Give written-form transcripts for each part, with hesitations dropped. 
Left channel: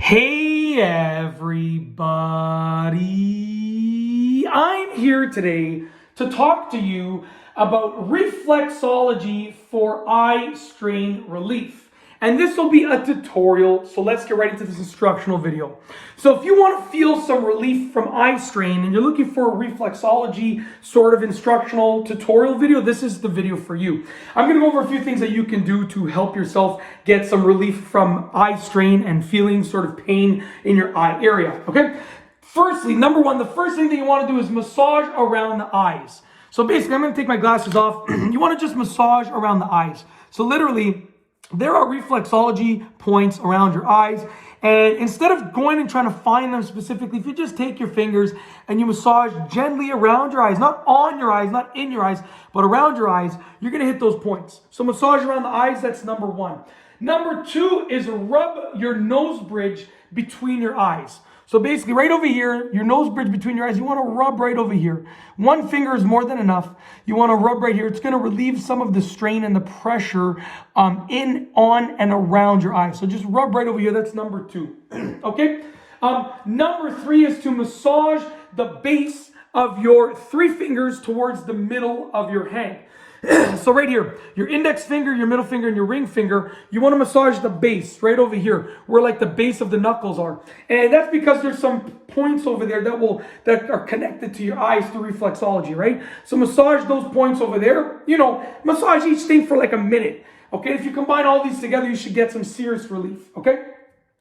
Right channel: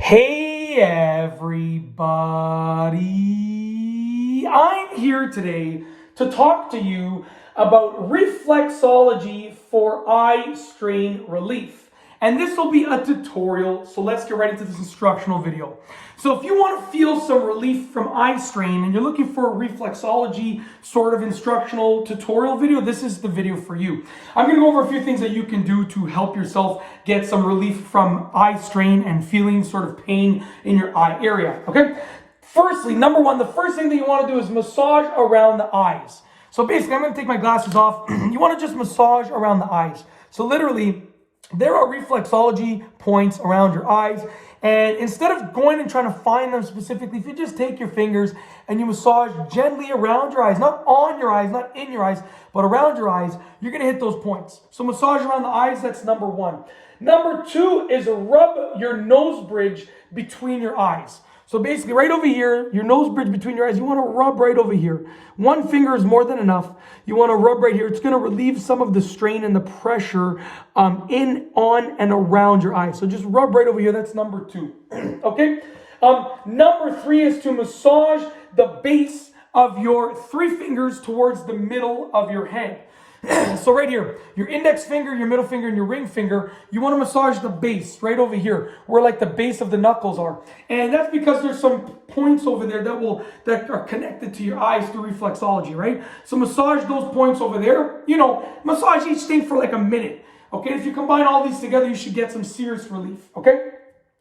Hey everybody, I'm here today to talk to you about reflexology for eye strain relief. And this will be a tutorial, so let's get right into this instructional video. So if you want to feel some relief from eye strain and you're looking for a reflexology sort of instructional tutorial video, this is the video for you. I'm going to go over a few things that you can do to help yourself get some relief from eye strain and feeling sort of pain in your eye area, okay? Firstly, number one, the first thing that you want to do is massage around the eyes. So basically, I'm going to take my glasses off. You want to just massage around the eyes. So literally, there are reflexology points around your eyes, and instead of going and trying to find them specifically, if you just take your fingers and you massage gently around your eyes, not on your eyes, not in your eyes, but around your eyes, you're going to hit those points. So massage around the eyes, that's number one. Number two is rub your nose bridge between your eyes. So basically right over here, your nose bridge between your eyes, you want to rub right over here. One finger is more than enough. You want to rub right here. It's going to relieve some of the strain and the pressure in, on, and around your eyes. So just rub right over here. That's number two. Okay? Number three is to massage the base of your three fingers towards the middle of your hand. So right here, your index finger, your middle finger, and your ring finger, you want to massage the base right over here, where like the base of the knuckles are. And that's because there's some points over there that are connected to your eyes through reflexology, right? So massage those points over there. You know, massage each thing for like a minute. Okay, if you combine all these together, you should get some serious relief. Okay,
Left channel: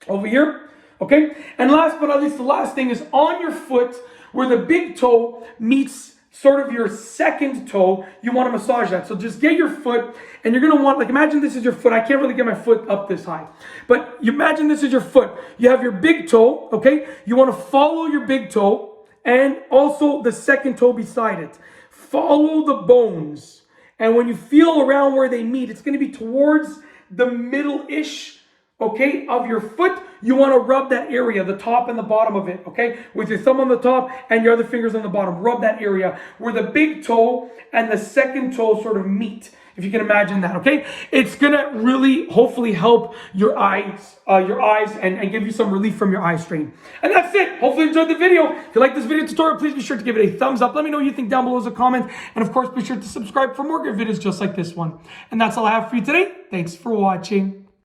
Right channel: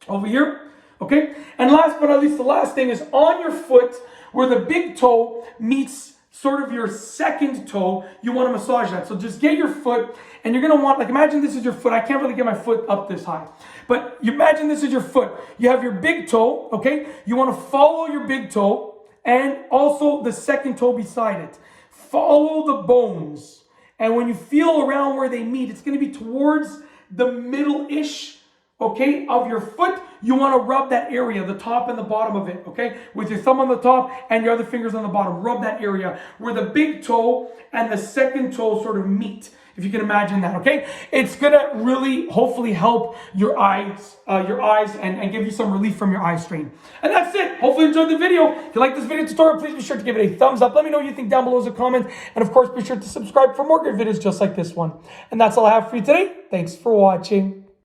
over here. Okay, and last but not least, the last thing is on your foot where the big toe meets sort of your second toe, you want to massage that. So just get your foot, and you're going to want, like, imagine this is your foot. I can't really get my foot up this high, but you imagine this is your foot. You have your big toe, okay? You want to follow your big toe and also the second toe beside it. Follow the bones. And when you feel around where they meet, it's going to be towards the middle-ish, okay, of your foot. You want to rub that area, the top and the bottom of it, okay? With your thumb on the top and your other fingers on the bottom. Rub that area where the big toe and the second toe sort of meet, if you can imagine that, okay? It's going to really, hopefully, help your eyes and give you some relief from your eye strain. And that's it. Hopefully you enjoyed the video. If you like this video tutorial, please be sure to give it a thumbs up. Let me know what you think down below as a comment. And of course, be sure to subscribe for more good videos just like this one. And that's all I have for you today. Thanks for watching.